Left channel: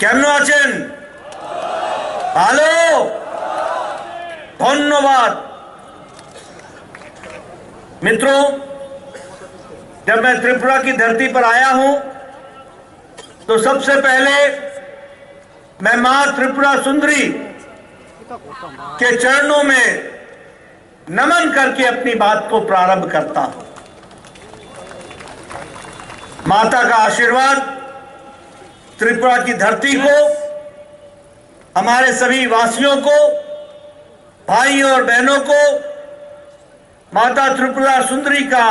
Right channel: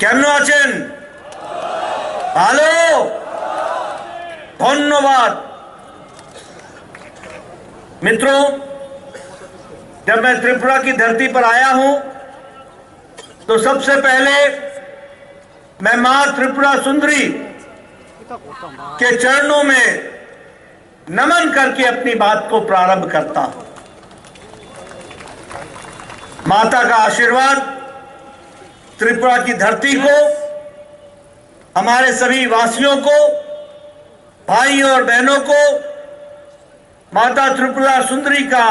কেমন আছেন? ভালো, धन्यवाद। मित्रों, जब मैं त्रिपुरा की धरती पर आया हूं तो सबसे पहले मैं मां त्रिपुरा सुंदरी के चरणों में नमन करके अपनी बात को प्रारंभ करता हूं। माता का आशीर्वाद त्रिपुरा की धरती को, हमारे सभी वासियों को, भाइयों और बहनों को माता त्रिपुरा सुंदरी का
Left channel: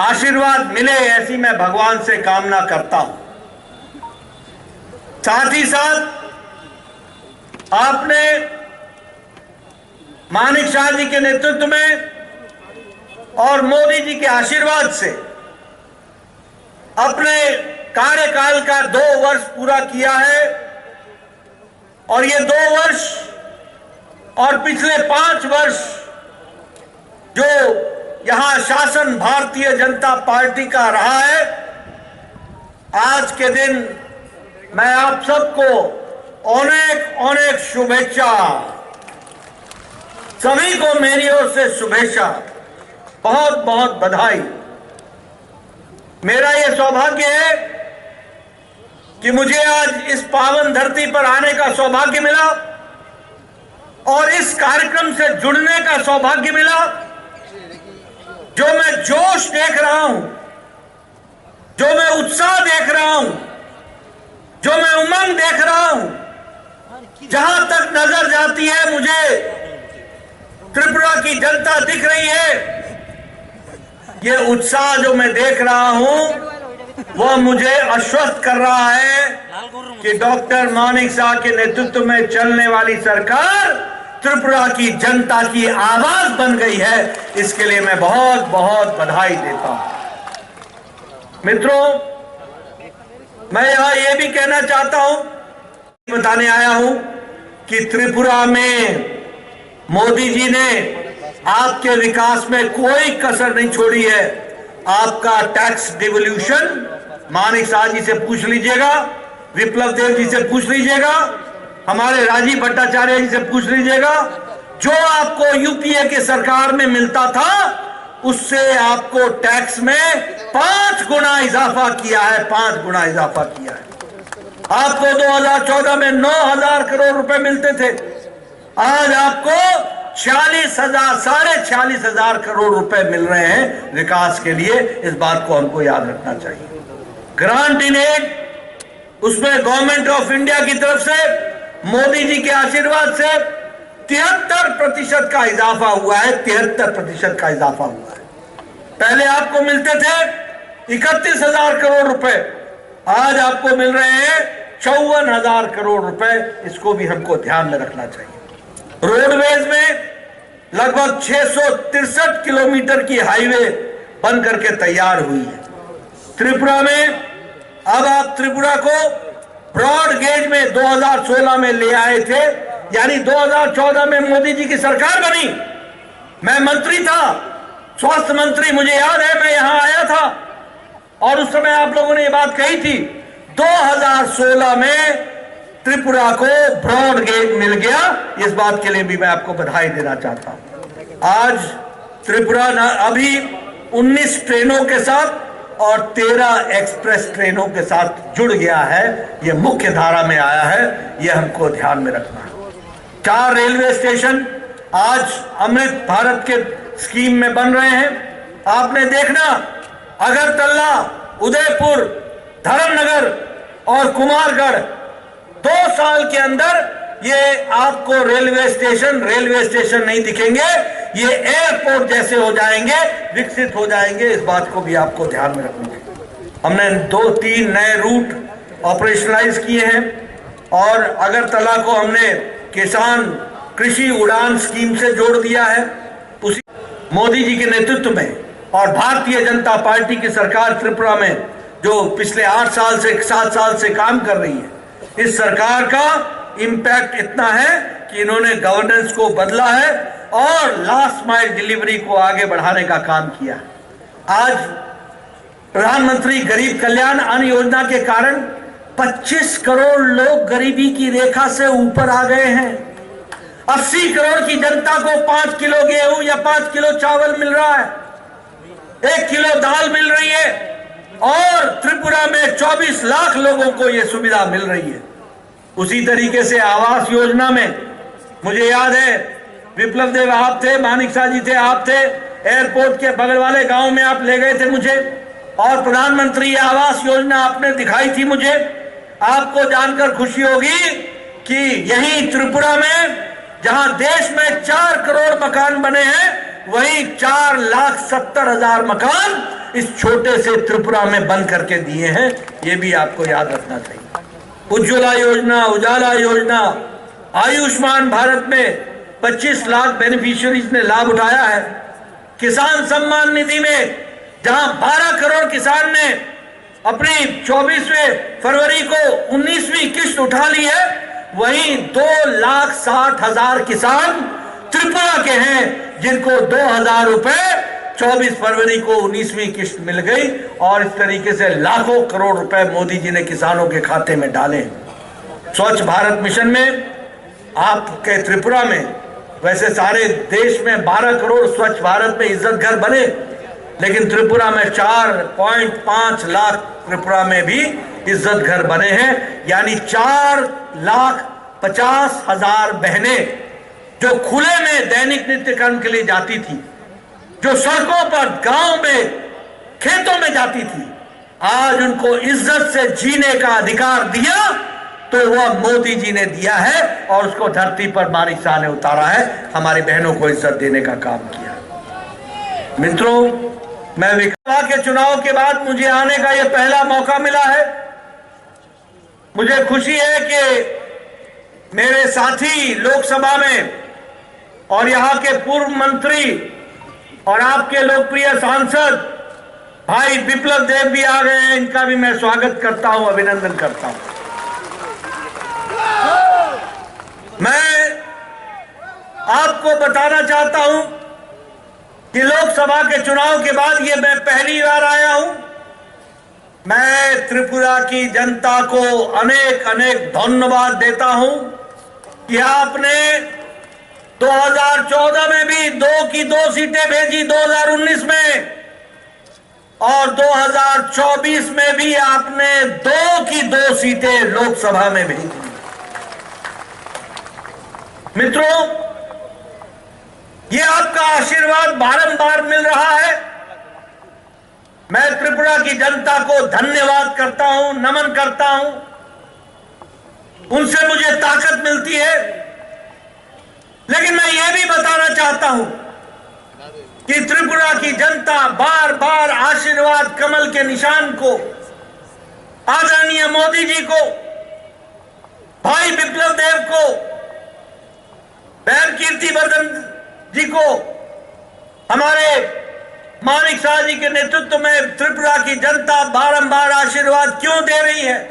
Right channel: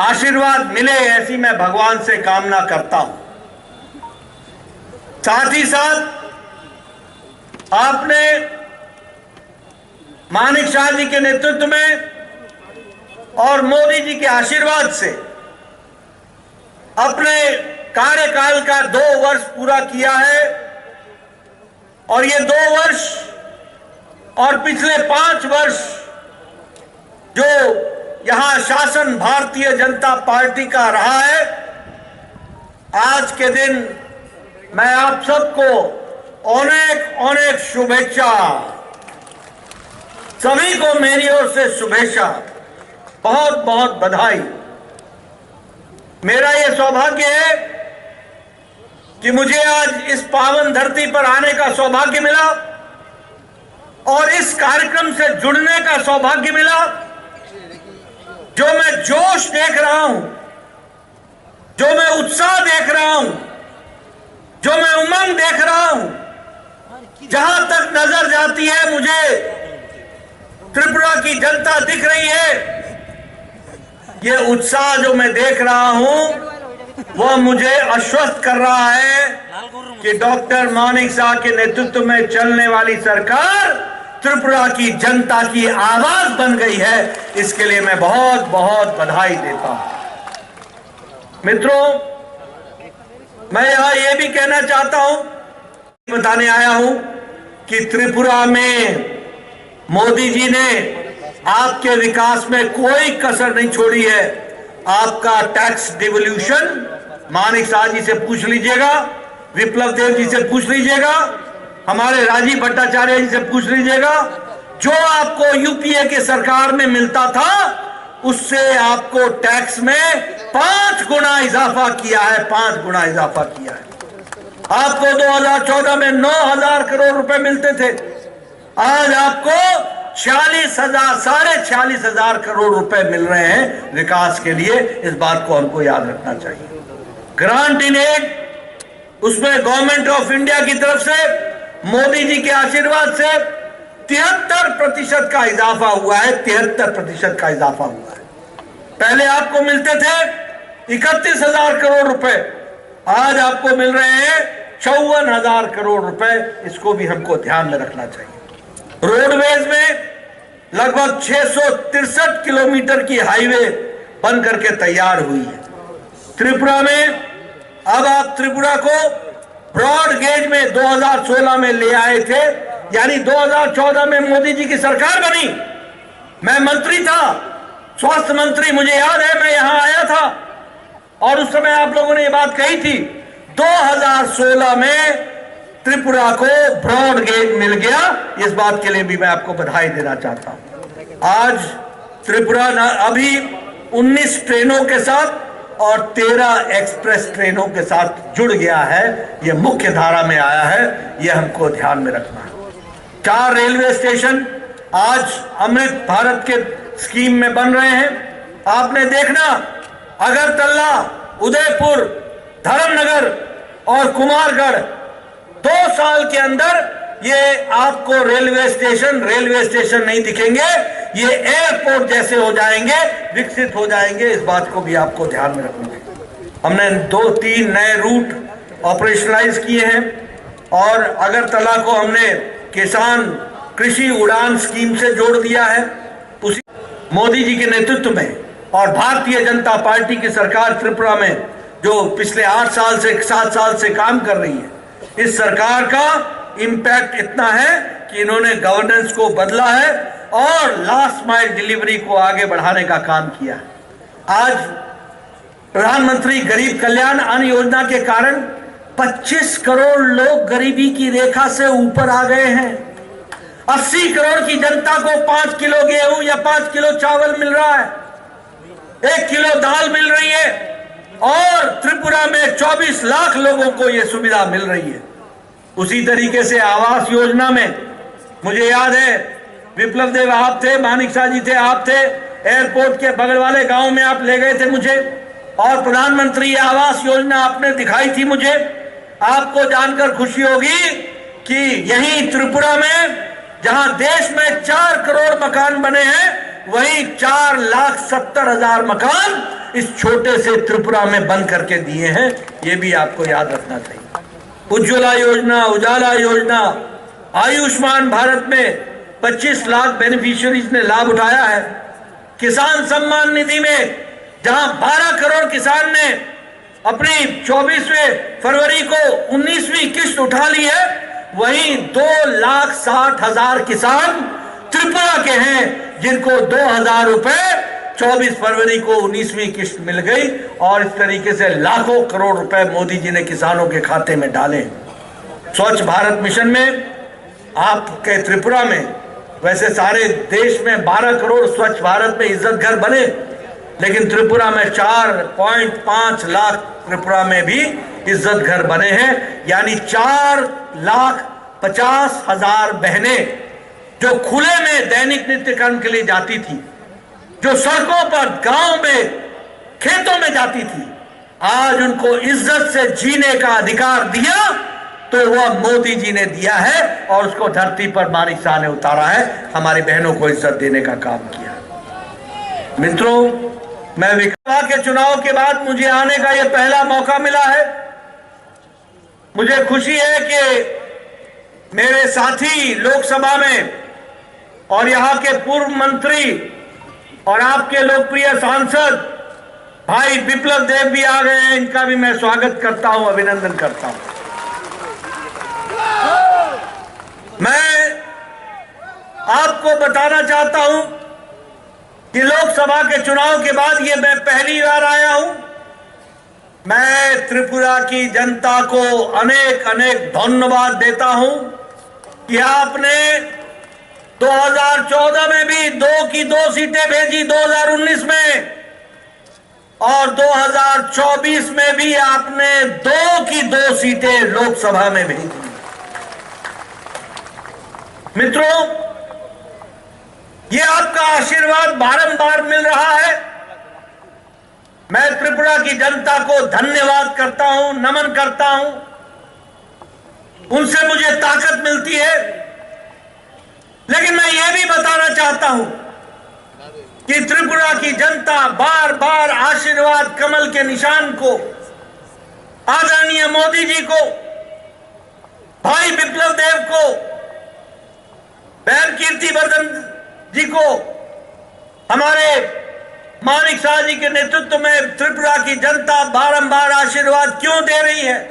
आशीर्वाद मिले, ऐसी मैं भगवान से कामना करता हूं। साथ ही साथ आपने मानिक शाह जी के नेतृत्व में और मोदी जी के आशीर्वाद से अपने कार्यकाल का 2 वर्ष पूरा किया है और ये 2 वर्ष और पिछले 5 वर्ष जो यहां शासन भारतीय जनता पार्टी का रहा है, आज के दिन मैं आप सबको अनेक अनेक शुभेच्छा, सभी को मेरी ओर से शुभेच्छा, बहुत बहुत बधाई। मेरा यह सौभाग्य है कि मुझे आज इस पावन धरती पर आने का सौभाग्य मिला और इस कार्यक्रम से जुड़ने का सौभाग्य मिला। जो मैं जोश देख रहा हूं, जो मैं उत्साह देख रहा हूं, जो मैं उमंग देख रहा हूं, जहां तक नजर जाती है मुझे त्रिपुरा की जनता दिख रही है। ये उत्साह जो मैं देख रहा हूं वह मुझे आश्वस्त कर रहा है कि डॉक्टर मानिक शाह के नेतृत्व में चलने वाली सरकार त्रिपुरा की जनता की आवाज बन गई है। इसके लिए मैं बहुत बहुत बधाई देता हूं। मित्रों, मैं यहां यह भी कहना चाहता हूं, बताने आया हूं कि त्रिपुरा में मोदी जी ने आपके विकास में कोई कसर नहीं छोड़ी है। आपका टैक्स डिवोल्यूशन मानिक शाह जी से पूछ लीजिएगा, विप्लव देव जी से पूछ लीजिएगा, हमारे राजीव भट्टाचार्य जी से पूछ लीजिएगा। जो आपको यूपीए के सरकार में मिलता था उससे आपको टैक्स में 5 गुना इजाफा किया है, 5 गुना इजाफा किया है। आपको 2014 में 9,000 करोड़ रुपए मिलते थे, आज आपको 46,000, 46,500 करोड़ रुपए मिल रहे हैं विकास के लिए। इस बात को हमको याद रखना चाहिए। ग्रांट इन एड, उसमें गवर्नमेंट ऑफ इंडिया की तरफ से मोदी जी के आशीर्वाद से 73% का इजाफा हुआ है, 73% का इजाफा हुआ है। पहले आपको मिलते थे 31,000 करोड़ रुपए, आज आपको मिल रहे हैं 54,000 करोड़ रुपए। इसको भी हमको ध्यान में रखना चाहिए। रोडवेज में लगभग 663 किलोमीटर की हाईवे बन करके तैयार हुई है। त्रिपुरा में अब आप त्रिपुरा को ब्रॉड गेज में 2016 में ले आए थे, यानी 2014 में मोदी जी की सरकार बनी। मैं मंत्री था, स्वास्थ्य मंत्री, मुझे याद है मैं यहां आया था और उस समय आप लोगों ने ये बात कही थी। 2016 में त्रिपुरा को ब्रॉड गेज मिल गया। इस बात के लिए भी मैं आपको बधाई देना चाहता हूं। आज त्रिपुरा अभी 19 ट्रेनों के साथ और 13 एक्सप्रेस ट्रेनों के साथ जुड़ गया है, यह मुख्य धारा में आया है। यह हमको ध्यान में रखना है। 4 रेलवे स्टेशन आज अमृत भारत के स्कीम में बन रहे हैं। आपने देखना, अगरतला, उदयपुर, धर्मनगर और कुमारगढ़ 2 साल के अंदर ये आपको रेलवे स्टेशन नहीं दिखेंगे, ये एयरपोर्ट जैसे हो जाएंगे, विकसित हो जाएंगे। इस बात को भी आपको ध्यान में रखना चाहिए। हमने 2-3 नए रूट ऑपरेशनलाइज किए हैं और अगरतला को हमने किसान कृषि उड़ान स्कीम से जोड़ दिया है। उसी मोदी जी के नेतृत्व में और भारतीय जनता पार्टी की सरकार त्रिपुरा में जो पिछले 7 साल से काम कर रही है, इस सरकार का इंपैक्ट इतना है कि इन्होंने गवर्नेंस को बदला है और लास्ट माइल डिलीवरी को आगे बढ़ाने का काम किया। आज प्रधानमंत्री गरीब कल्याण अन्न योजना के कारण 25 करोड़ लोग गरीबी की रेखा से ऊपर आ गए हैं। 80 करोड़ की जनता को 5 किलो गेहूं या 5 किलो चावल मिल रहा है, 1 किलो दाल मिल रही है, और त्रिपुरा में 24 लाख लोगों को यह सुविधा मिल रही है। उसी तरीके से आवास योजना में मुझे याद है, विप्लव देव आप थे, मानिक शाह जी थे, आप थे, एयरपोर्ट के बगल वाले गांव में आप ले गए थे मुझे, और प्रधानमंत्री आवास योजना आपने दिखाई थी मुझे। आपको जानकर खुशी होगी कि यही त्रिपुरा में, जहां देश में 4 करोड़ मकान बने हैं, वहीं 4,70,000 मकान इस छोटे से त्रिपुरा में बन करके दिए हैं। ये भी आपको याद रखना चाहिए। उज्ज्वला योजना, उजाला योजना, आयुष्मान भारत में 25 लाख बेनिफिशियरीज ने लाभ उठाया है। किसान सम्मान निधि में जहां 12 करोड़ किसान ने अपनी 24वें फरवरी को 19वीं किस्त उठा ली है, वहीं 2,60,000 किसान त्रिपुरा के हैं जिनको 2,000 रुपए 24 फरवरी को 19वीं किस्त मिल गई। और इस तरीके से लाखों करोड़ रुपए मोदी जी ने किसानों के खाते में डाले। स्वच्छ भारत मिशन में आपके त्रिपुरा में, वैसे सारे देश में 12 करोड़ स्वच्छ भारत में इज्जत घर बने, लेकिन त्रिपुरा में 4.5 लाख त्रिपुरा में भी इज्जत घर बने हैं। यानी 4,50,000 बहनें जो खुले में दैनिक नित्य कर्म के लिए जाती थी, जो सड़कों पर, गांव में, खेतों में जाती थी, आज उनको इज्जत से जीने का अधिकार दिया तो वह मोदी जी ने दिया है, और उसको धरती पर मानिक शाह ने उतारा है। हमारी बहनों को इज्जत देने का काम किया। मित्रों, मैं विधानसभा के चुनाव के बाद मुझे आने का यह पहला मौका मिला है। मुझे खुशी है कि मेरे साथी लोकसभा में और यहां के पूर्व मंत्री और आपके लोकप्रिय सांसद भाई विप्लव देव भी आ गए हैं। इनका भी मैं स्वागत करता हूं, अभिनंदन करता हूं। मैं आपको बताना चाहता हूं कि लोकसभा के चुनाव के बाद ये मैं पहली बार आया हूं। मैं त्रिपुरा की जनता को अनेक अनेक धन्यवाद देता हूं कि आपने 2014 में भी 2 की 2 सीटें भेजी, 2019 में, और 2024 में भी आपने 2 की 2 सीटें लोकसभा में भेजी। मित्रों, ये आपका आशीर्वाद बारंबार मिल रहा है। मैं त्रिपुरा की जनता को धन्यवाद करता हूं, नमन करता हूं। उनसे मुझे ताकत मिलती है। लेकिन मैं ये भी बताना चाहता हूं कि त्रिपुरा की जनता बार बार आशीर्वाद कमल के निशान को, आदरणीय मोदी जी को, भाई विप्लव देव को, बहन कीर्तिवर्धन जी को, हमारे मानिक शाह जी के नेतृत्व में त्रिपुरा की जनता बारंबार आशीर्वाद क्यों दे रही है?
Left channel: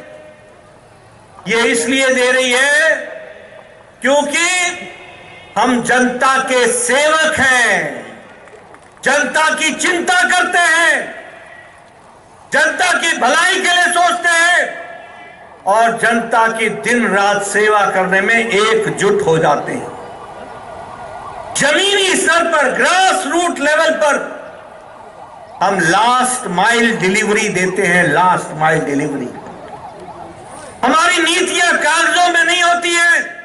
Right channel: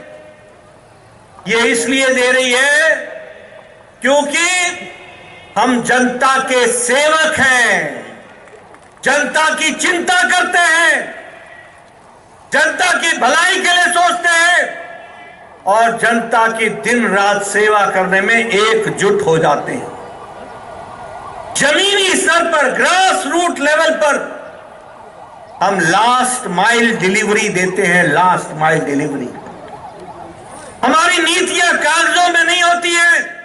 ये इसलिए दे रही है क्योंकि हम जनता के सेवक हैं, जनता की चिंता करते हैं, जनता की भलाई के लिए सोचते हैं, और जनता की दिन रात सेवा करने में एकजुट हो जाते हैं। जमीनी स्तर पर, ग्रास रूट लेवल पर हम लास्ट माइल डिलीवरी देते हैं। लास्ट माइल डिलीवरी हमारी नीतियां कागजों में नहीं होती हैं।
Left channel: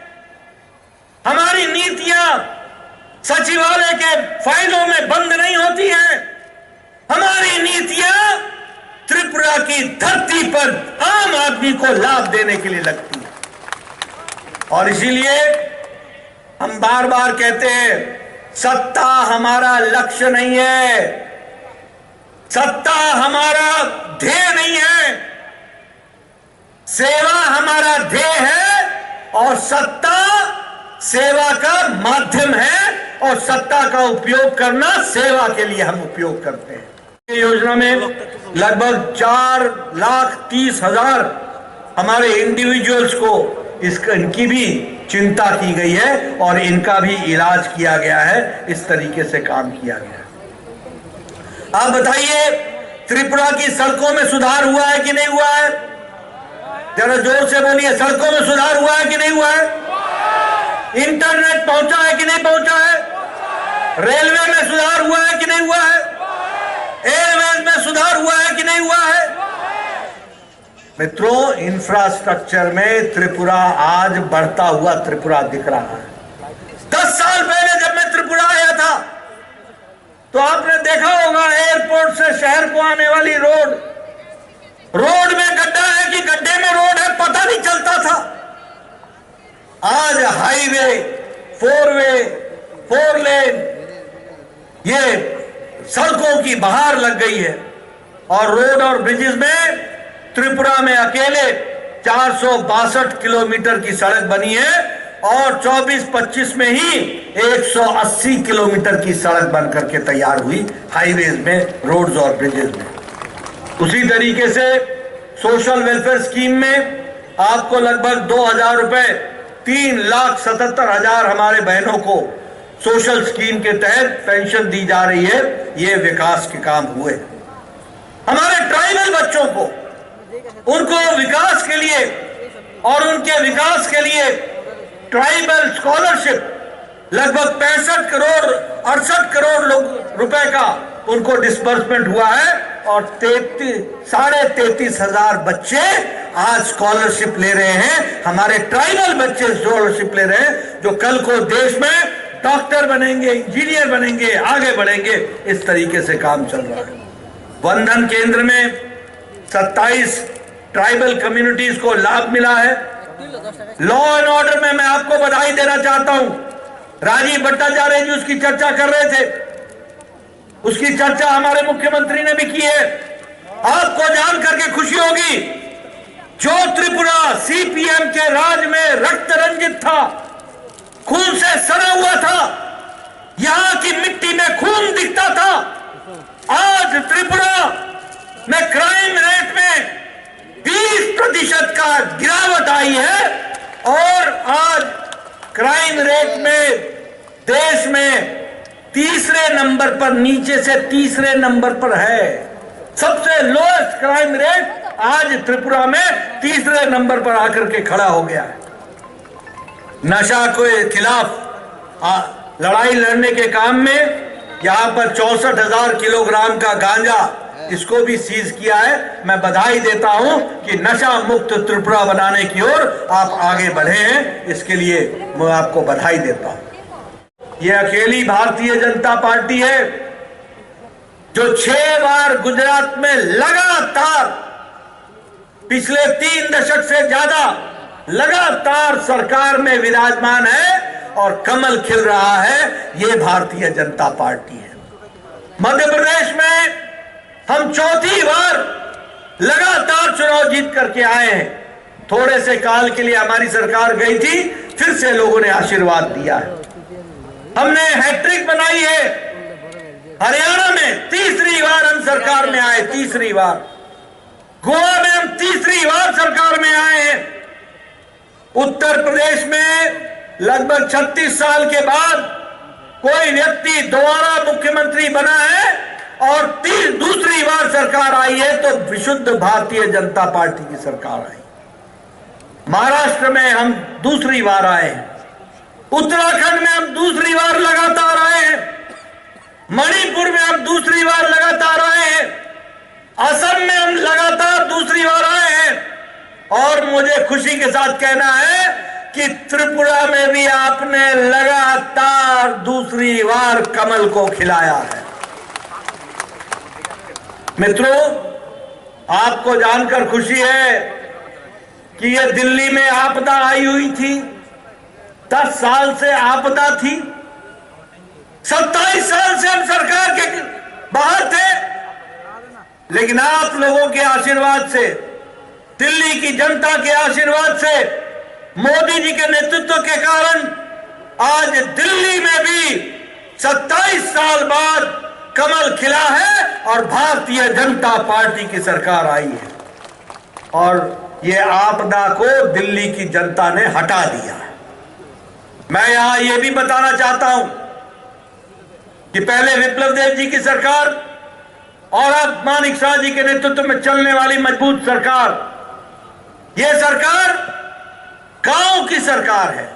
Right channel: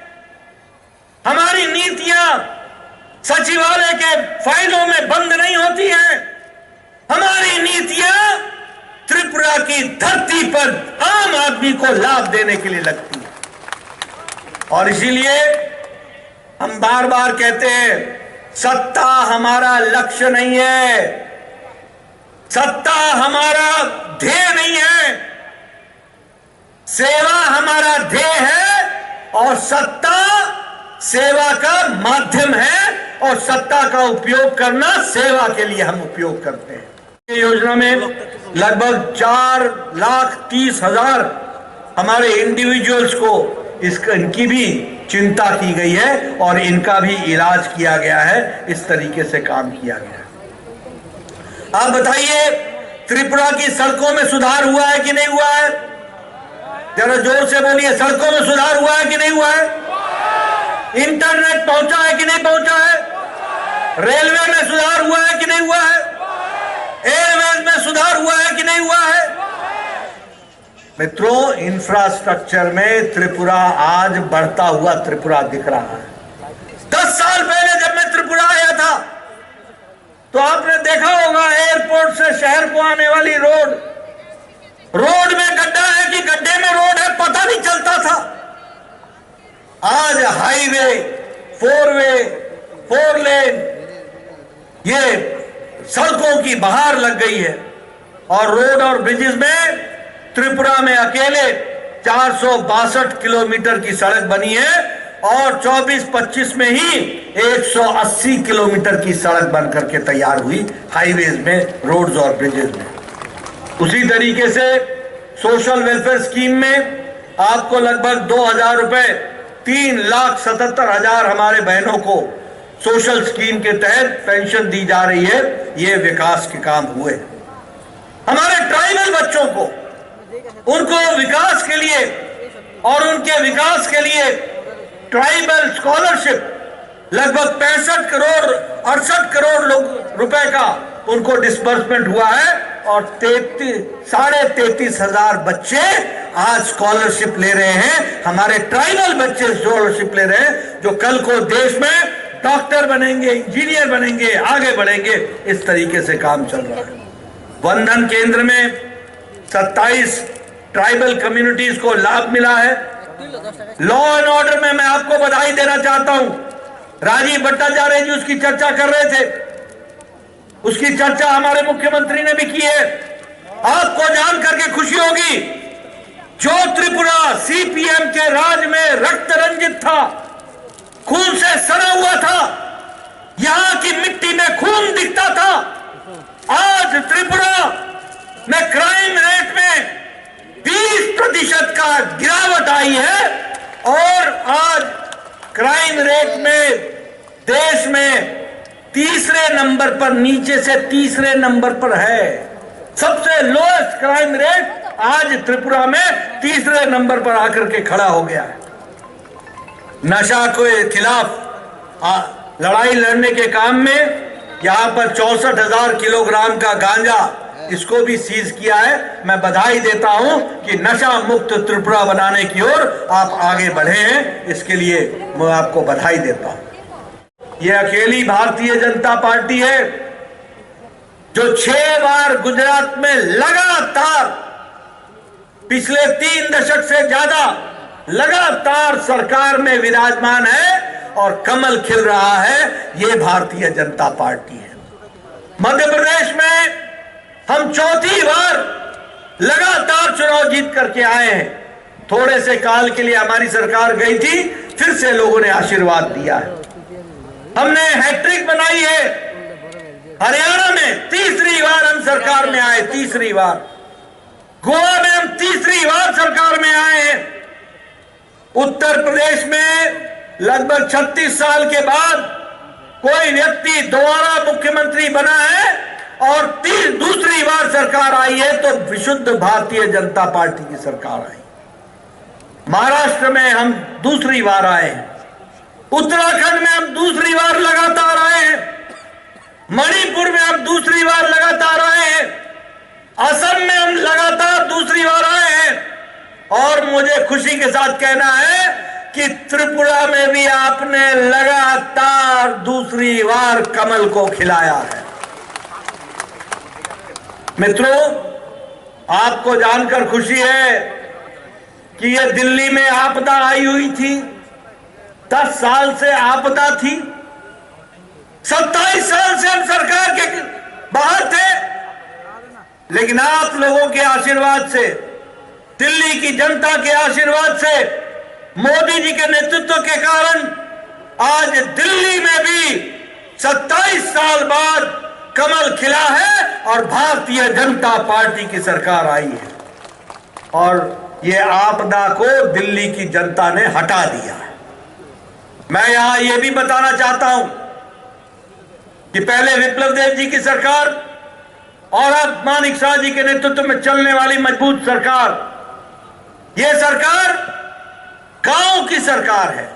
हमारी नीतियां सचिवालय के फाइलों में बंद नहीं होती हैं। हमारी नीतियां त्रिपुरा की धरती पर आम आदमी को लाभ देने के लिए लगती है। और इसीलिए हम बार बार कहते हैं, सत्ता हमारा लक्ष्य नहीं है, सत्ता हमारा ध्येय नहीं है, सेवा हमारा ध्येय है, और सत्ता सेवा का माध्यम है, और सत्ता का उपयोग करना सेवा के लिए हम उपयोग करते हैं। ये योजना में लगभग 4,30,000 हमारे इंडिविजुअल्स को इनकी भी चिंता की गई है और इनका भी इलाज किया गया है। इस तरीके से काम किया गया है। आप बताइए, त्रिपुरा की सड़कों में सुधार हुआ है कि नहीं हुआ है? जरा जोर से बोलिए, सड़कों में सुधार हुआ है कि नहीं हुआ है? इंटरनेट पहुंचा है कि नहीं पहुंचा है? रेलवे में सुधार हुआ है कि नहीं हुआ है? एयरवेज में सुधार हुआ है कि नहीं हुआ है? मित्रों, इंफ्रास्ट्रक्चर में त्रिपुरा आज बढ़ता हुआ त्रिपुरा दिख रहा है। 10 साल पहले जब मैं त्रिपुरा आया था तो आपने देखा होगा एयरपोर्ट से शहर को आने वाली रोड में गड्ढा है कि गड्ढे में रोड है पता नहीं चलता था। आज हाईवे, 4 लेन, ये सड़कों की बहार लग गई है और रोड और ब्रिजेस में त्रिपुरा में अकेले 462 किलोमीटर की सड़क बनी है और 24-25 में ही 180 किलोमीटर की सड़क बनकर के तैयार हुई हाईवेज में, रोड्स और ब्रिजेस में। उसी तरीके से सोशल वेलफेयर स्कीम में आपको लगभग 2000 रुपए, 3,77,000 हमारे बहनों को सोशल स्कीम के तहत पेंशन दी जा रही है। ये विकास के काम हुए। हमारे ट्राइबल बच्चों को, उनको विकास के लिए और उनके विकास के लिए ट्राइबल स्कॉलरशिप लगभग 68 करोड़ रुपए का उनको डिस्बर्समेंट हुआ है और 33,500 बच्चे आज स्कॉलरशिप ले रहे हैं। हमारे ट्राइबल बच्चे स्कॉलरशिप ले रहे हैं जो कल को देश में डॉक्टर बनेंगे, इंजीनियर बनेंगे, आगे बढ़ेंगे। इस तरीके से काम चल रहा है। वंदन केंद्र में 27 ट्राइबल कम्युनिटीज को लाभ मिला है। लॉ एंड ऑर्डर में मैं आपको बधाई देना चाहता हूं। राजीव भट्टाचार्य जी उसकी चर्चा कर रहे थे, उसकी चर्चा हमारे मुख्यमंत्री ने भी की है। आपको जान करके खुशी होगी, जो त्रिपुरा सीपीएम के राज में रक्त रंजित था, खून से सना हुआ था, यहां की मिट्टी में खून दिखता था, आज त्रिपुरा में क्राइम रेट में 20% का गिरावट आई है और आज क्राइम रेट में देश में तीसरे नंबर पर, नीचे से तीसरे नंबर पर है। सबसे लोएस्ट क्राइम रेट आज त्रिपुरा में तीसरे नंबर पर आकर के खड़ा हो गया है। नशा के खिलाफ लड़ाई लड़ने के काम में यहां पर 64,000 किलोग्राम का गांजा, इसको भी सीज किया है। मैं बधाई देता हूं कि नशा मुक्त त्रिपुरा बनाने की ओर आप आगे बढ़े हैं, इसके लिए मैं आपको बधाई देता हूं। यह अकेली भारतीय जनता पार्टी है जो 6 बार गुजरात में लगातार पिछले 3 दशक से ज्यादा लगातार सरकार में विराजमान है और कमल खिल रहा है। यह भारतीय जनता पार्टी है। मध्य प्रदेश में हम 4थी बार लगातार चुनाव जीत करके आए हैं। थोड़े से काल के लिए हमारी सरकार गई थी, फिर से लोगों ने आशीर्वाद दिया है। हमने हैट्रिक बनाई है। हरियाणा में तीसरी बार हम सरकार में आए, तीसरी बार। गोवा में हम तीसरी बार सरकार में आए हैं। उत्तर प्रदेश में लगभग 36 साल के बाद कोई व्यक्ति दोबारा मुख्यमंत्री बना है और दूसरी बार सरकार आई है तो विशुद्ध भारतीय जनता पार्टी की सरकार आई। महाराष्ट्र में हम दूसरी बार आए हैं। उत्तराखंड में हम दूसरी बार लगातार आए हैं। मणिपुर में हम दूसरी बार लगातार आए हैं। असम में हम लगातार दूसरी बार आए हैं और मुझे खुशी के साथ कहना है कि त्रिपुरा में भी आपने लगातार दूसरी बार कमल को खिलाया है। मित्रों, आपको जानकर खुशी है कि यह दिल्ली में आपदा आई हुई थी। 10 साल से आपदा थी। 27 साल से हम सरकार के बाहर थे, लेकिन आप लोगों के आशीर्वाद से, दिल्ली की जनता के आशीर्वाद से, मोदी जी के नेतृत्व के कारण आज दिल्ली में भी 27 साल बाद कमल खिला है और भारतीय जनता पार्टी की सरकार आई है और ये आपदा को दिल्ली की जनता ने हटा दिया है। मैं यहां यह भी बताना चाहता हूं कि पहले विप्लव देव जी की सरकार और अब मानिक शाह जी के नेतृत्व में चलने वाली मजबूत सरकार ये सरकार गांव की सरकार है,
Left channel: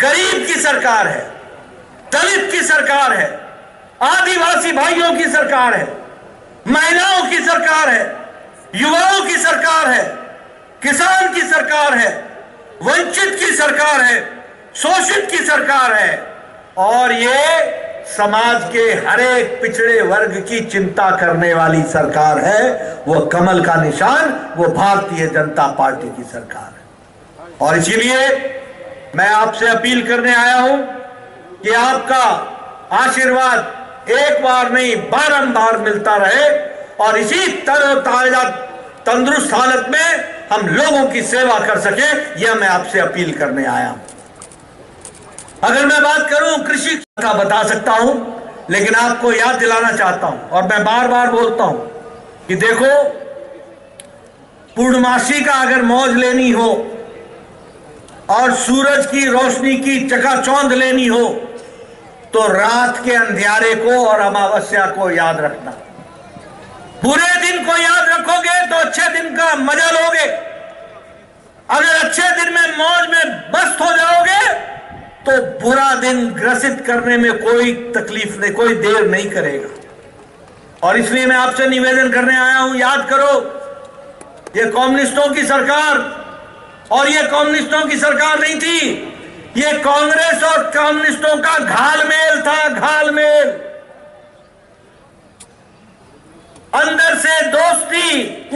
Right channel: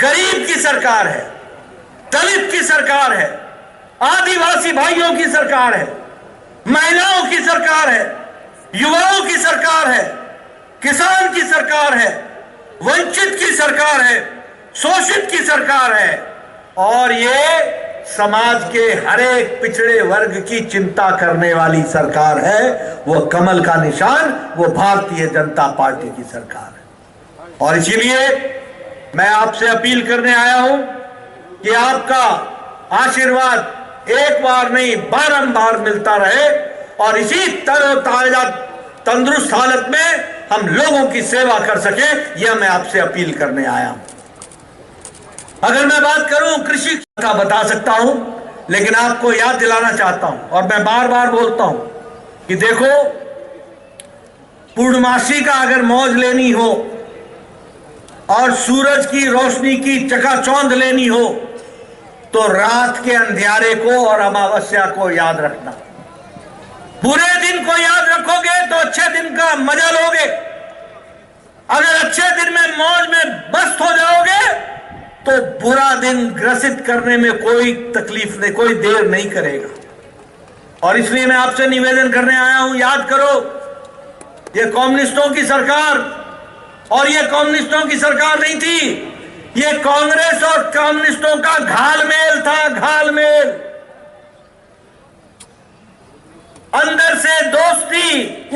गरीब की सरकार है, दलित की सरकार है, आदिवासी भाइयों की सरकार है, महिलाओं की सरकार है, युवाओं की सरकार है, किसान की सरकार है, वंचित की सरकार है, शोषित की सरकार है। और ये समाज के हर एक पिछड़े वर्ग की चिंता करने वाली सरकार है। वो कमल का निशान, वो भारतीय जनता पार्टी की सरकार है। और इसीलिए मैं आपसे अपील करने आया हूं कि आपका आशीर्वाद एक बार नहीं बारंबार मिलता रहे और इसी तरोताजा तंदुरुस्त हालत में हम लोगों की सेवा कर सके, यह मैं आपसे अपील करने आया हूं। अगर मैं बात करूं कृषि का बता सकता हूं, लेकिन आपको याद दिलाना चाहता हूं और मैं बार बार बोलता हूं कि देखो, पूर्णमासी का अगर मौज लेनी हो और सूरज की रोशनी की चकाचौंध लेनी हो तो रात के अंधियारे को और अमावस्या को याद रखना। बुरे दिन को याद रखोगे तो अच्छे दिन का मजा लोगे। अगर अच्छे दिन में मौज में मस्त हो जाओगे तो बुरा दिन ग्रसित करने में कोई तकलीफ नहीं, कोई देर नहीं करेगा। और इसलिए मैं आपसे निवेदन करने आया हूं, याद करो, ये कम्युनिस्टों की सरकार, और ये कम्युनिस्टों की सरकार नहीं थी, ये कांग्रेस और कम्युनिस्टों का घालमेल था, घालमेल। अंदर से दोस्ती,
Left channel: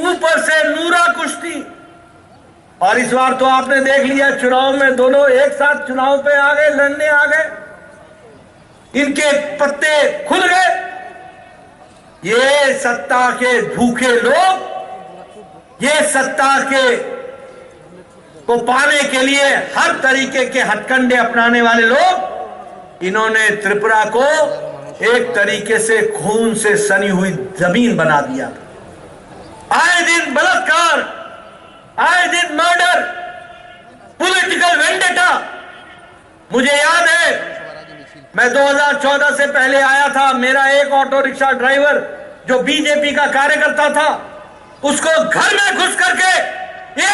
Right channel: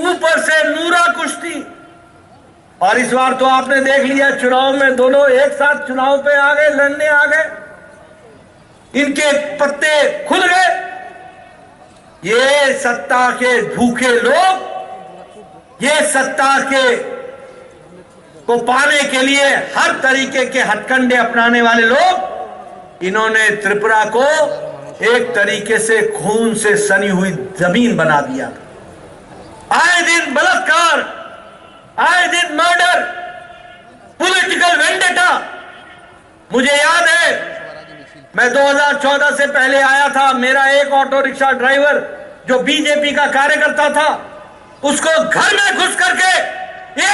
ऊपर से नूरा कुश्ती। और इस बार तो आपने देख लिया, चुनाव में दोनों एक साथ चुनाव पे आ गए, लड़ने आ गए, इनके पत्ते खुल गए। ये सत्ता के भूखे लोग, ये सत्ता के को पाने के लिए हर तरीके के हथकंडे अपनाने वाले लोग, इन्होंने त्रिपुरा को एक तरीके से खून से सनी हुई जमीन बना दिया। आए दिन बलात्कार, आए दिन मर्डर, पॉलिटिकल वेंडेटा। मुझे याद है, मैं 2014 से पहले आया था, मेरा एक ऑटो रिक्शा ड्राइवर जो बीजेपी का कार्यकर्ता था, उसको घर में घुस करके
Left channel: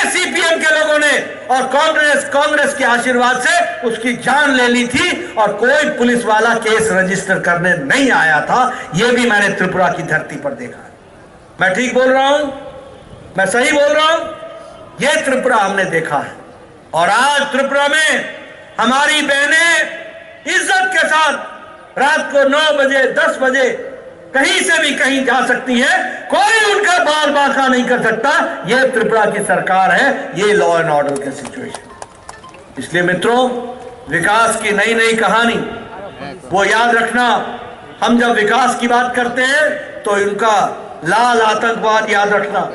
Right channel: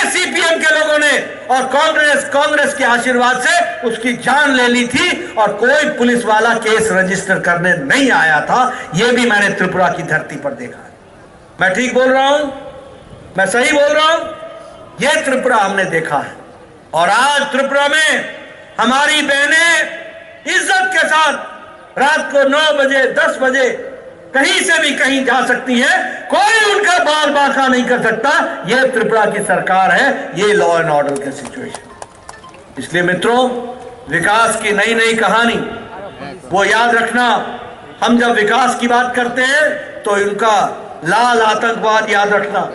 सीपीएम के लोगों ने और कांग्रेस के आशीर्वाद से उसकी जान ले ली थी और कोई पुलिस वाला केस रजिस्टर करने नहीं आया था। यह भी मैंने त्रिपुरा की धरती पर देखा है। मैं ठीक बोल रहा हूं? मैं सही बोल रहा हूं? यह त्रिपुरा हमने देखा है। और आज त्रिपुरा में हमारी बहनें इज्जत के साथ रात को 9 बजे 10 बजे कहीं से भी कहीं जा सकती है, कोई उनका बाल बांका नहीं कर सकता। यह त्रिपुरा की सरकार है, ये लॉ एंड ऑर्डर की सिचुएशन। इसलिए मित्रों, विकास की नई नई कहानी वो याद रखना। हम जब विकास की बात करते हैं तो इनका लाल आतंकवाद याद रखना।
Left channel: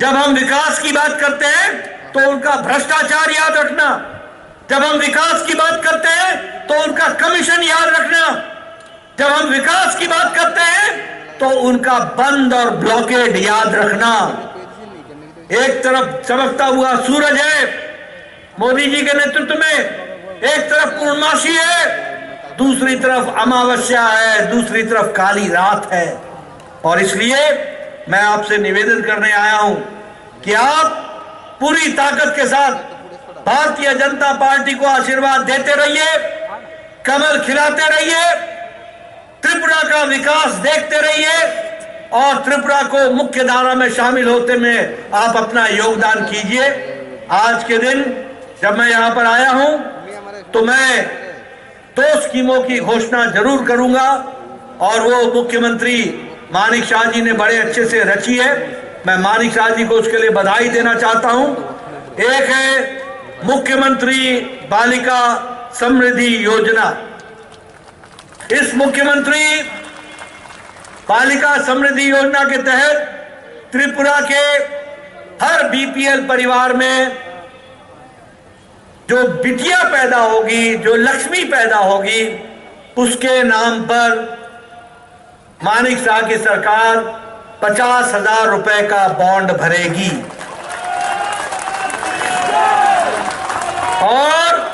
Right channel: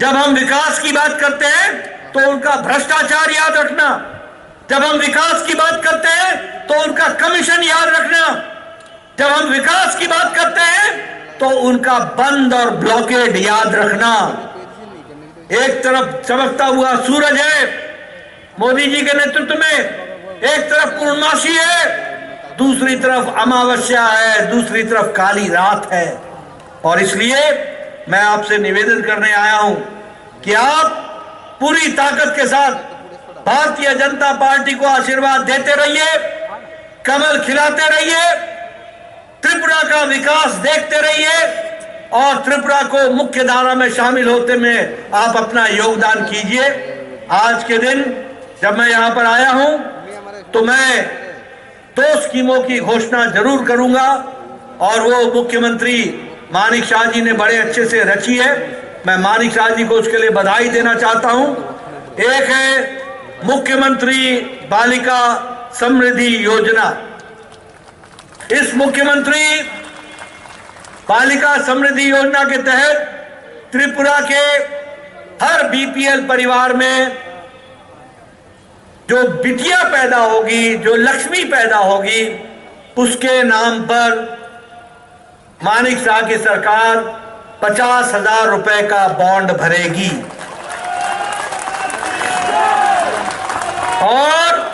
जब हम विकास की बात करते हैं तो उनका भ्रष्टाचार याद रखना। जब हम विकास की बात करते हैं तो उनका कमीशन याद रखना। जब हम विकास की बात करते हैं तो उनका बंद और ब्लॉकेड याद रखना। एक तरफ चमकता हुआ सूरज है मोदी जी के नेतृत्व में, एक तरफ पूर्णमासी है, दूसरी तरफ अमावस्या है, दूसरी तरफ काली रात है। और इसलिए मैं आपसे निवेदन करने आया हूं कि आप पूरी ताकत के साथ भारतीय जनता पार्टी को आशीर्वाद देते रहिए, कमल खिलाते रहिए, त्रिपुरा का विकास देखते रहिए और त्रिपुरा को मुख्य धारा में शामिल होते में आप अपना योगदान कीजिए। आज के दिन जब मैं यहां पर आया हूं तो मैं 2 स्कीमों की घोषणा जरूर करूंगा और वो मुख्यमंत्री मानिक शाह जी ने बड़े अच्छे से रची है। मैं मानिक शाह जी को उसके लिए बधाई देना चाहता हूं। एक है मुख्यमंत्री बालिका समृद्धि योजना। इस मुख्यमंत्री बालिका समृद्धि योजना के तहत त्रिपुरा के हर बीपीएल परिवार में जो बिटिया पैदा होगी, जो लक्ष्मी पैदा होगी, उसके नाम पर मानिक शाह की सरकार 50,000 रुपए का बॉन्ड भरेगी। और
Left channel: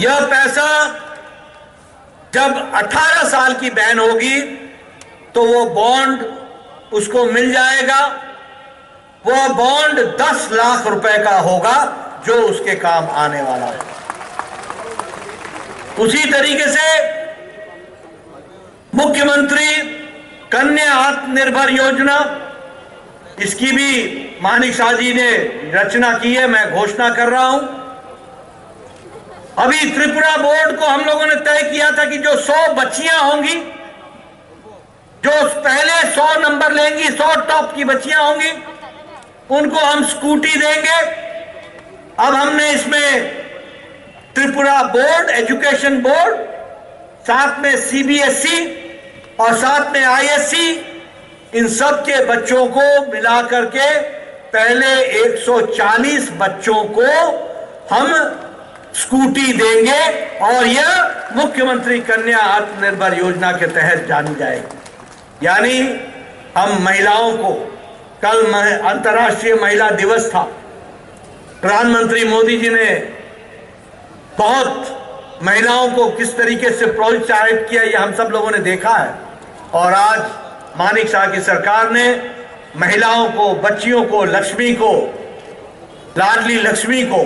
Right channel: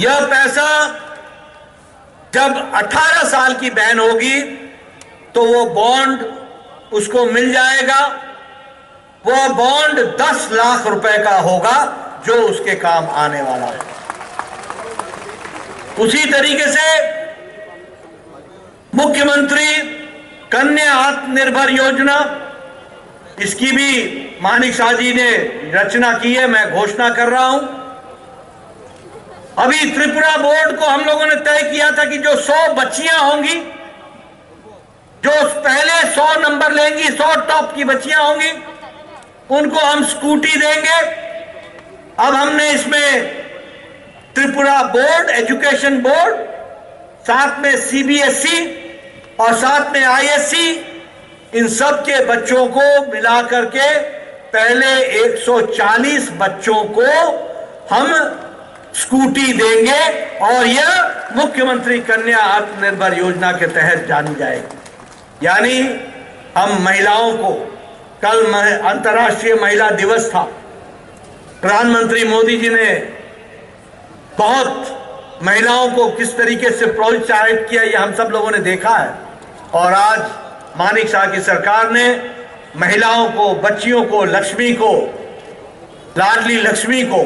यह पैसा जब 18 साल की बहन होगी तो वो बॉन्ड उसको मिल जाएगा। वो बॉन्ड 10 लाख रुपए का होगा जो उसके काम आने वाला है। उसी तरीके से मुख्यमंत्री कन्या आत्मनिर्भर योजना, इसकी भी मानिक शाह जी ने रचना की है, मैं घोषणा कर रहा हूं। अभी त्रिपुरा बोर्ड को हम लोगों ने तय किया था कि जो 100 बच्चियां होंगी, जो पहले 100 नंबर लेंगी, 100 टॉप की बच्चियां होंगी, उनको हम स्कूटी देंगे। अब हमने इसमें त्रिपुरा बोर्ड, एजुकेशन बोर्ड, साथ में सीबीएसई और साथ में आईएससी, इन सब के बच्चों को मिला करके पहले 140 बच्चों को हम स्कूटी देंगे और यह मुख्यमंत्री कन्या आत्मनिर्भर योजना के तहत जानी जाएगी। यानी हम महिलाओं को, कल अंतर्राष्ट्रीय महिला दिवस था, प्रधानमंत्री मोदी जी ने बहुत महिलाओं को किस तरीके से प्रोत्साहित किया, यह हम सब लोगों ने देखा है। और आज मानिक शाह की सरकार ने महिलाओं को, बच्चियों को, लक्ष्मी को, लाडली लक्ष्मी को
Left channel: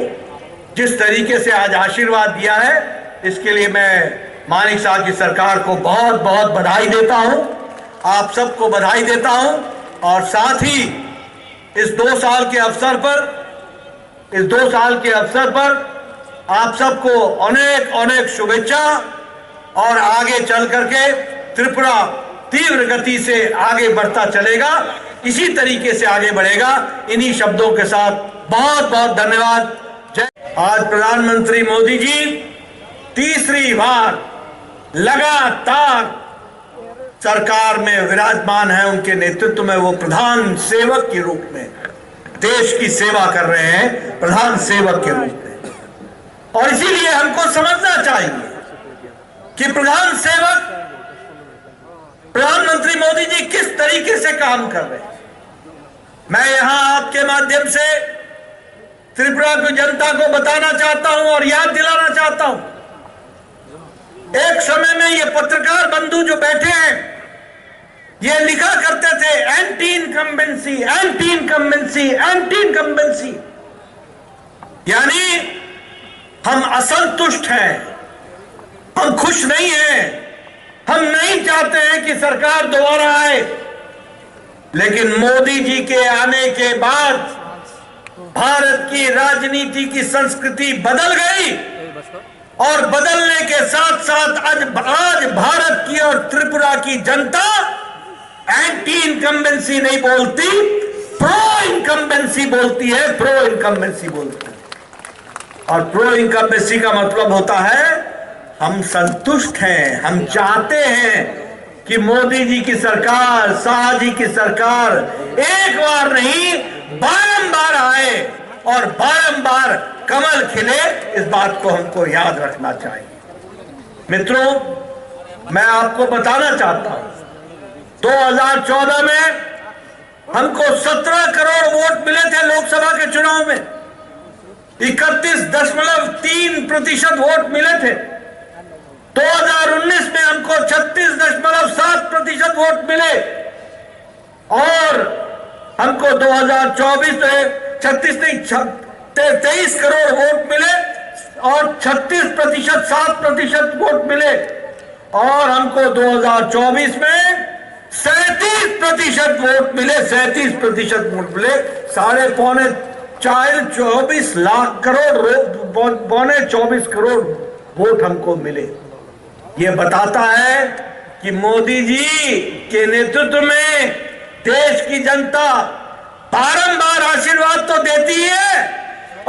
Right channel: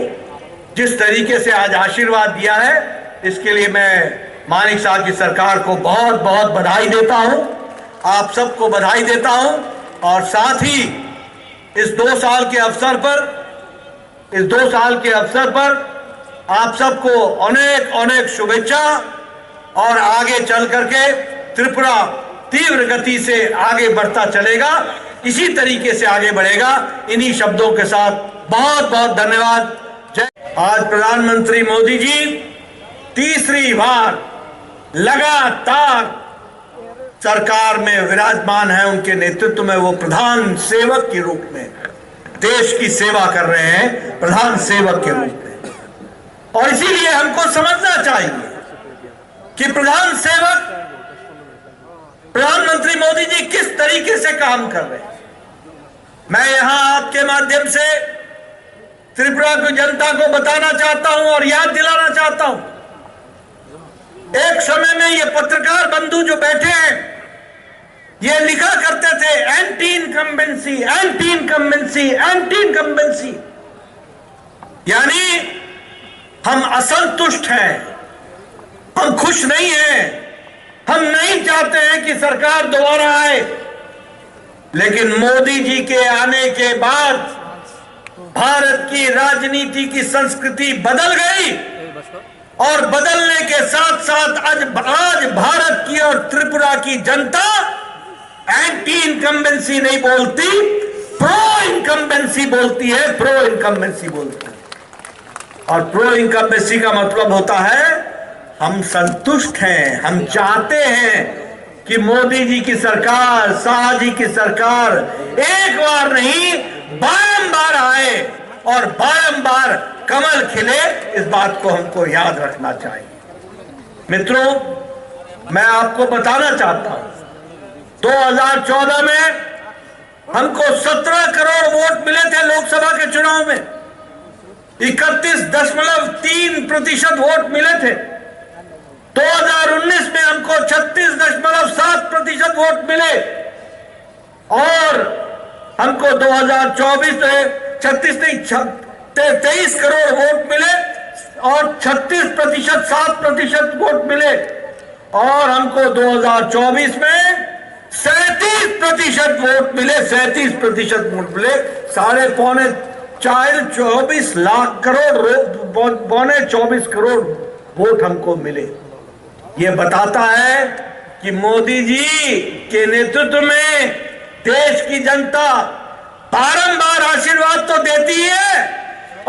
जिस तरीके से आज आशीर्वाद दिया है, इसके लिए मैं मानिक शाह की सरकार को बहुत बहुत बधाई देता हूं, आप सबको बधाई देता हूं। और साथ ही इस 2 साल के अवसर पर आप सबको अनेक अनेक शुभेच्छा। और आगे चल करके त्रिपुरा तीव्र गति से आगे बढ़ता चलेगा, इसी तरीके से आगे बढ़ेगा। इन्हीं शब्दों के साथ बहुत बहुत धन्यवाद। आज प्रधानमंत्री मोदी जी तीसरी बार लगातार सरकार में विराजमान है। उनके नेतृत्व में वो प्रधान सेवक के रूप में देश की सेवा कर रहे हैं, प्रधान सेवक के रूप में। और इसीलिए हमको समझना चाहिए कि प्रधान सेवक प्रधानमंत्री मोदी जी किस तरीके से काम कर रहे हैं। मैं यहां आपके माध्यम से त्रिपुरा की जनता को बताना चाहता हूं और याद दिलाना चाहता हूं, एक समय में ये पत्रकार बंधु जो बैठे हैं, ये लिखा करते थे anti incumbency, anti incumbency, anti incumbency. यानी हम असंतुष्ट हैं, हम खुश नहीं हैं, हम नहीं चाहते हैं कि सरकार दोबारा आए। लेकिन मोदी जी के आने के बाद भारत की राजनीति की संस्कृति बदल गई और बदलने के साथ साथ आज भारत की और त्रिपुरा की जनता एंटी इनकम्बेंसी नहीं बोलती, प्रो इनकम्बेंसी बोलती है, प्रो इनकम्बेंसी बोलती है। और प्रो इनकम्बेंसी का मतलब होता है हम संतुष्ट हैं, हम चाहते हैं कि मोदी जी की सरकार, शाह जी की सरकार एक बार नहीं बारंबार आए और बारंबार कमल खिले। इस बात को हमको याद रखना चाहिए। मित्रों, मैं आपको बताना चाहता हूं, 2014 में हमको 17 करोड़ वोट मिले थे लोकसभा के चुनाव में, 31.3% वोट मिले थे। 2019 में हमको 36.7% वोट मिले और हमको 2024 में 23 करोड़ वोट मिले और 36%, 7% वोट मिले। और हमको 2024 में 37% वोट मिले, 37% वोट मिले। 24 लाख करोड़, 24 करोड़ वोट हमको मिले। ये बताता है कि मोदी जी के नेतृत्व में देश की जनता बारंबार आशीर्वाद तो देती है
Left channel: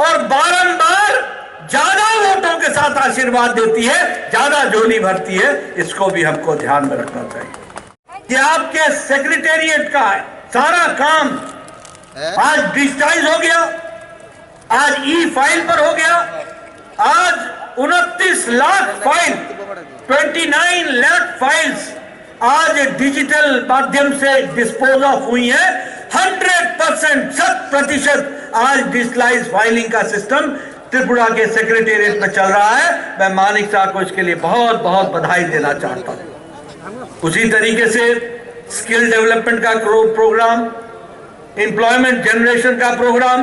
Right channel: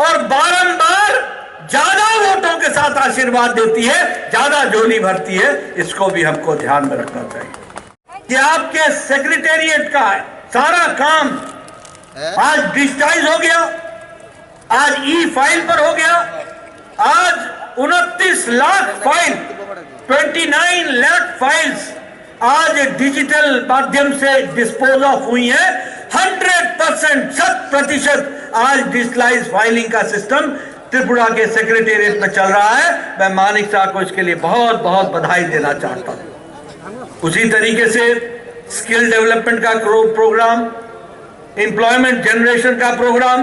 और बारंबार ज्यादा वोटों के साथ आशीर्वाद देती है, ज्यादा झोली भरती है। इसको भी हमको ध्यान में रखना चाहिए कि आपके सेक्रेटेरिएट का सारा काम आज डिजिटाइज हो गया, आज ई फाइल पर हो गया। आज 29 लाख फाइल, 29 लाख फाइल्स आज डिजिटल माध्यम से डिस्पोज ऑफ हुई है। 100%, 100% आज डिजिटलाइज फाइलिंग का सिस्टम त्रिपुरा के सेक्रेटेरिएट में चल रहा है। मैं मानिक शाह को इसके लिए बहुत बहुत बधाई देना चाहता हूं। उसी तरीके से स्किल डेवलपमेंट का प्रोग्राम, एम्प्लॉयमेंट जनरेशन का प्रोग्राम।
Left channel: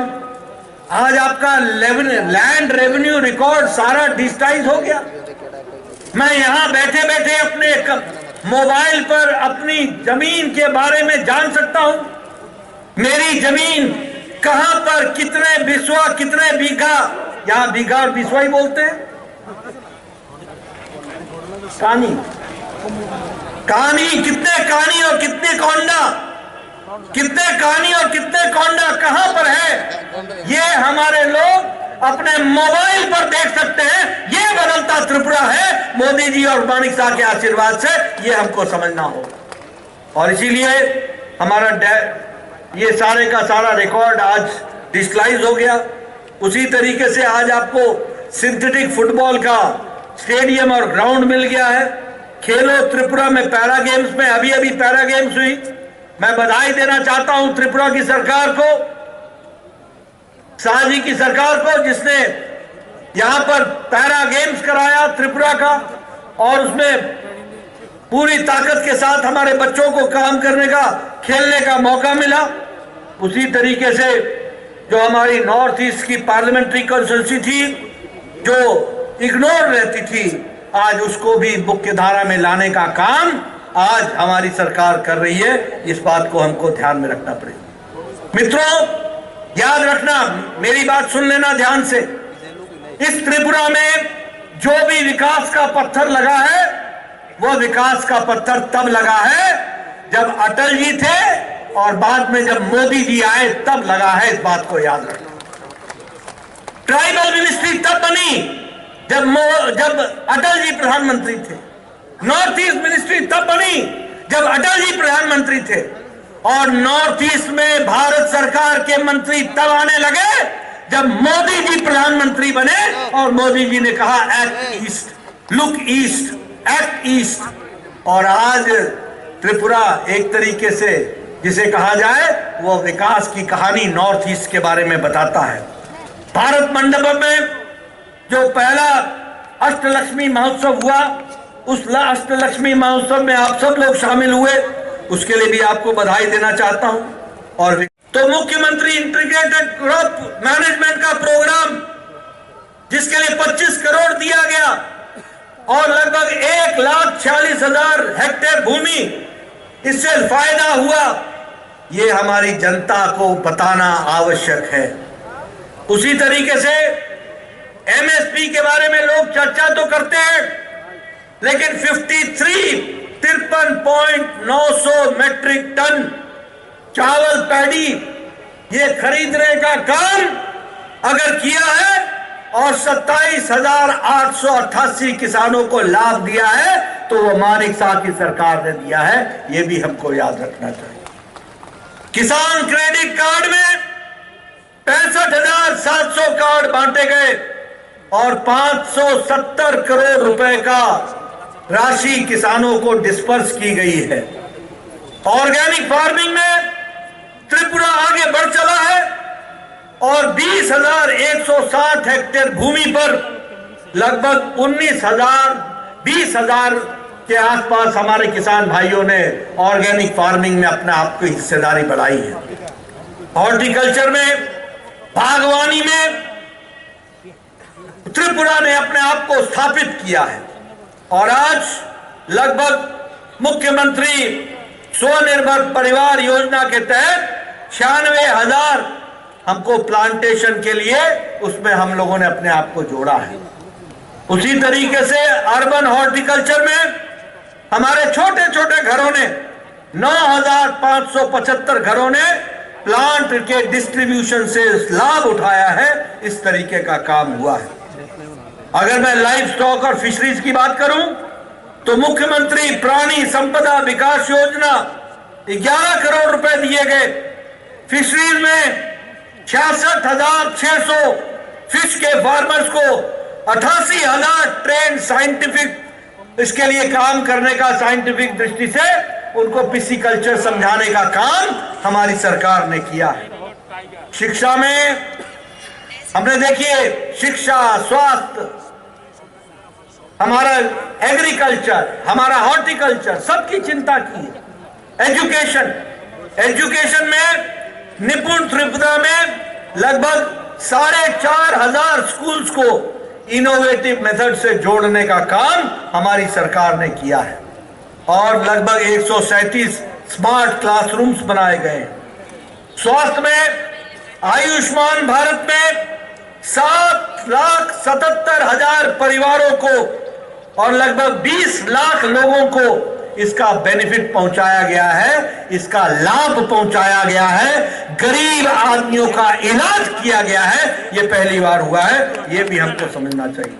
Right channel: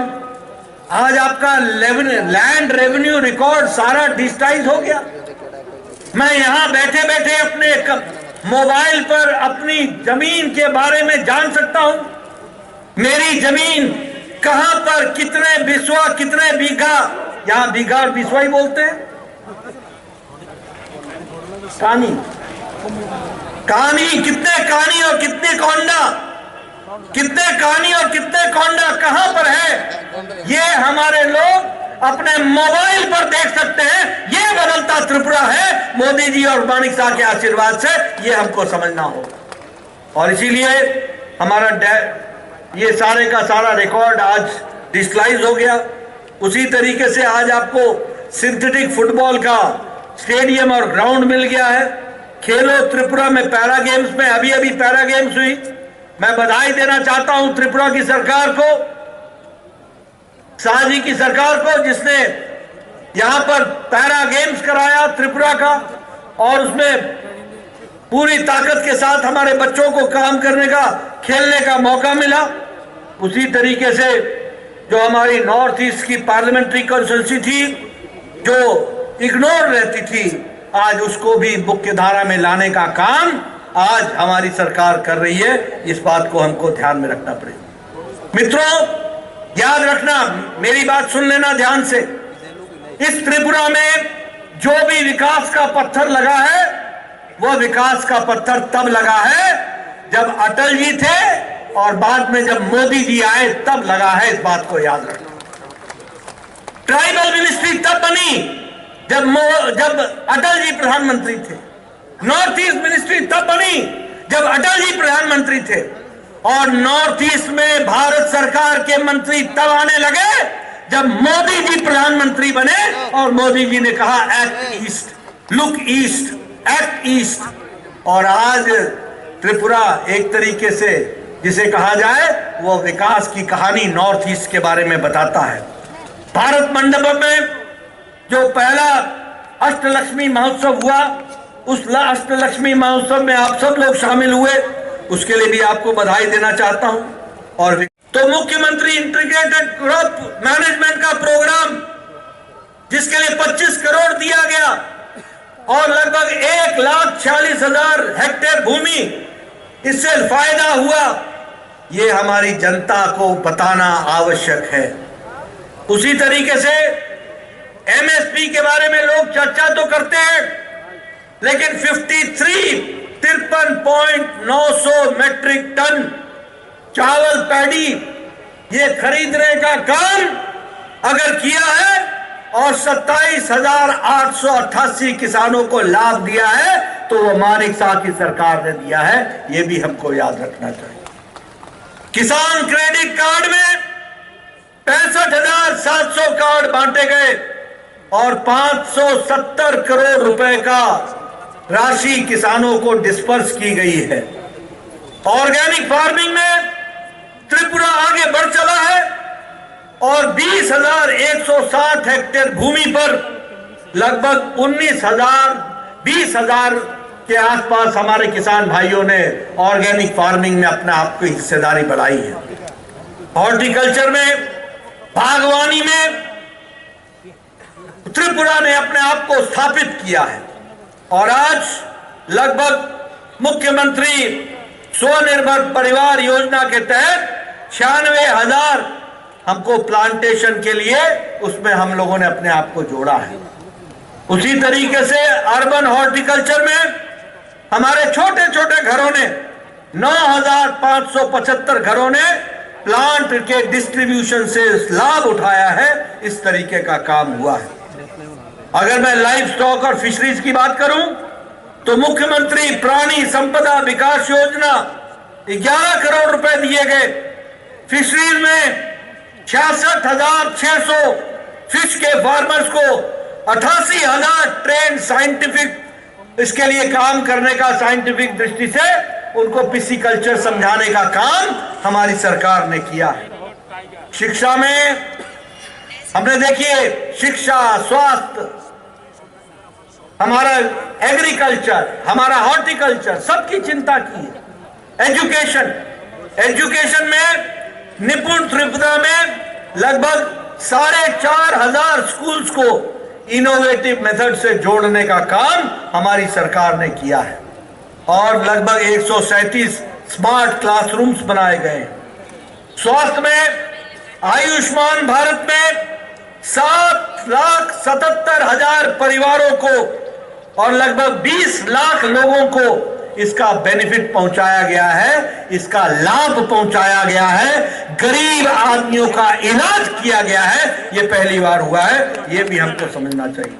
आज आपका लैंड रेवेन्यू रिकॉर्ड सारा डिजिटाइज हो गया। मैं यहां बैठे बैठे अपने मोबाइल पर अपनी जमीन के बारे में जान सकता हूं। मेरी जमीन कहां पर, कितने बिस्वा, कितने बीघा, यहां बीघा और बिस्वा ही बोलते हैं, कानी कानी, कितने कानी और कितने कोंडा, कितने कानी और कितने कोंडा कहां पर है, ये हमारे लोग अपने मोबाइल पर देख सकते हैं। ये बदलता त्रिपुरा है मोदी जी और मानिक शाह के आशीर्वाद से, ये हमको समझना होगा। और इसीलिए हमारा ये सारे का सारा रिकॉर्ड आज डिजिटलाइज हो गया। उसी तरीके से आज आपको सिंथेटिक फुटबॉल का स्टेडियम और ग्राउंड मिल गया है। खेलो त्रिपुरा में पैरा गेम्स में अभी अभी पैरा गेम्स हुई। मैं बधाई देना चाहता हूं त्रिपुरा की सरकार को, शाह जी की सरकार को, जिसने यहां पर पैरा गेम्स कराया त्रिपुरा का, और उसमें पूरी ताकत के साथ हमारे बच्चों को काम करने का, खेलने का मौका मिला। उसी तरीके से जो हमारी नॉर्थ ईस्ट की पार्लियामेंट्री कॉन्स्टिट्यूंसी थी जो इग्नोर रहती थी, आज उसको भी मुख्य धारा में लाने का काम आज हमारी सरकार कर रही है। इस बात को हमको ध्यान में रखना पड़ेगा। मित्रों, याद रखना, मेरी बात सुन लेना ध्यान से। इस त्रिपुरा में जो भी विकास का पत्थर लगा है, वो विकास का पत्थर तब लगा है जब अटल जी थे और बाद में जब मोदी जी आए तब लगा है। इस बात को याद रखना। ट्राइबल मिनिस्ट्री तब बनी जब अटल जी प्रधानमंत्री थे। नॉर्थ ईस्ट मिनिस्ट्री तब बनी जब अटल जी प्रधानमंत्री थे। और नॉर्थ ईस्ट में भारत सरकार के मंत्री तब आने लगे जब मोदी जी प्रधानमंत्री बने और मोदी जी ने कहा act east, look east, act east. और आज त्रिपुरा एक तरीके से जिसे कहा जाए वो विकास की कहानी नॉर्थ ईस्ट के बारे में बताता है। भारत मंडपम में जो पहला अष्टलक्ष्मी महोत्सव हुआ, उस अष्टलक्ष्मी महोत्सव में आप सब लोग शामिल हुए, उसके लिए भी आपको बधाई देना चाहता हूं। और तो मुख्यमंत्री इंटीग्रेटेड क्रॉप मैनेजमेंट का प्रोग्राम जिसके लिए 25 करोड़ दिया गया और लगभग 1,46,000 हेक्टेयर भूमि इससे फायदा हुआ, ये हमारी जनता को बताना आवश्यक है। उसी तरीके से एमएसपी के बारे में लोग चर्चा तो करते हैं, लेकिन 53.900 मैट्रिक टन चावल पैडी ये खरीदने का काम अगर किया है और 27,888 किसानों को लाभ दिया है तो वो मानिक शाह की सरकार ने दिया है। ये भी हमको याद रखना चाहिए। किसान क्रेडिट कार्ड में 65,700 कार्ड बांटे गए और 570 करोड़ रुपए का राशि किसानों को डिस्पर्स की गई है। ऑर्गेनिक फार्मिंग में त्रिपुरा आगे बढ़ चला है और 20,160 हेक्टेयर भूमि पर लगभग 20,000 के आसपास हमारे किसान भाइयों ने ऑर्गेनिक फार्मिंग में अपने आप की हिस्सेदारी बढ़ाई है। हॉर्टिकल्चर में, बागवानी में त्रिपुरा ने अपने आप को स्थापित किया है और आज लगभग मुख्यमंत्री स्वनिर्भर परिवार योजना के तहत 96,000 हमको प्लांटेशन के लिए उसमें हम लोगों ने अपने आप को जोड़ा है। उसी तरीके से अर्बन हॉर्टिकल्चर में हमारे छोटे छोटे घरों ने 9,575 घरों ने प्लांट के डिस्ट्रीब्यूशन से लाभ उठाया है। इस तरीके का काम हुआ है। अगर मैं लाइव स्टॉक और फिशरीज की बात करूं तो मुख्यमंत्री प्राणी संपदा विकास योजना 11 करोड़ रुपए दिए गए। फिशरीज में 66,600 फिश के फार्मर्स को 88,000 ट्रेन साइंटिफिक इसके लिए काम करने का, साइंटिफिक दृष्टि से उनको पिसीकल्चर समझाने का काम हमारी सरकार ने किया है। शिक्षा में हमने देखिए शिक्षा, स्वास्थ्य, हमारा एग्रीकल्चर, हमारा हॉर्टिकल्चर, सबकी चिंता की है। एजुकेशन में निपुण त्रिपुरा में लगभग 4,500 स्कूल्स को इनोवेटिव मेथड से जोड़ने का काम हमारी सरकार ने किया है और लगभग 137 स्मार्ट क्लासरूम्स बनाए गए। स्वास्थ्य में आयुष्मान भारत में 7,77,000 परिवारों को और लगभग 20 लाख लोगों को इसका बेनिफिट पहुंचाया गया है, इसका लाभ पहुंचाया गया है, गरीब आदमियों का इलाज किया गया है। ये पहली बार हुआ है, ये भी हमको समझना चाहिए।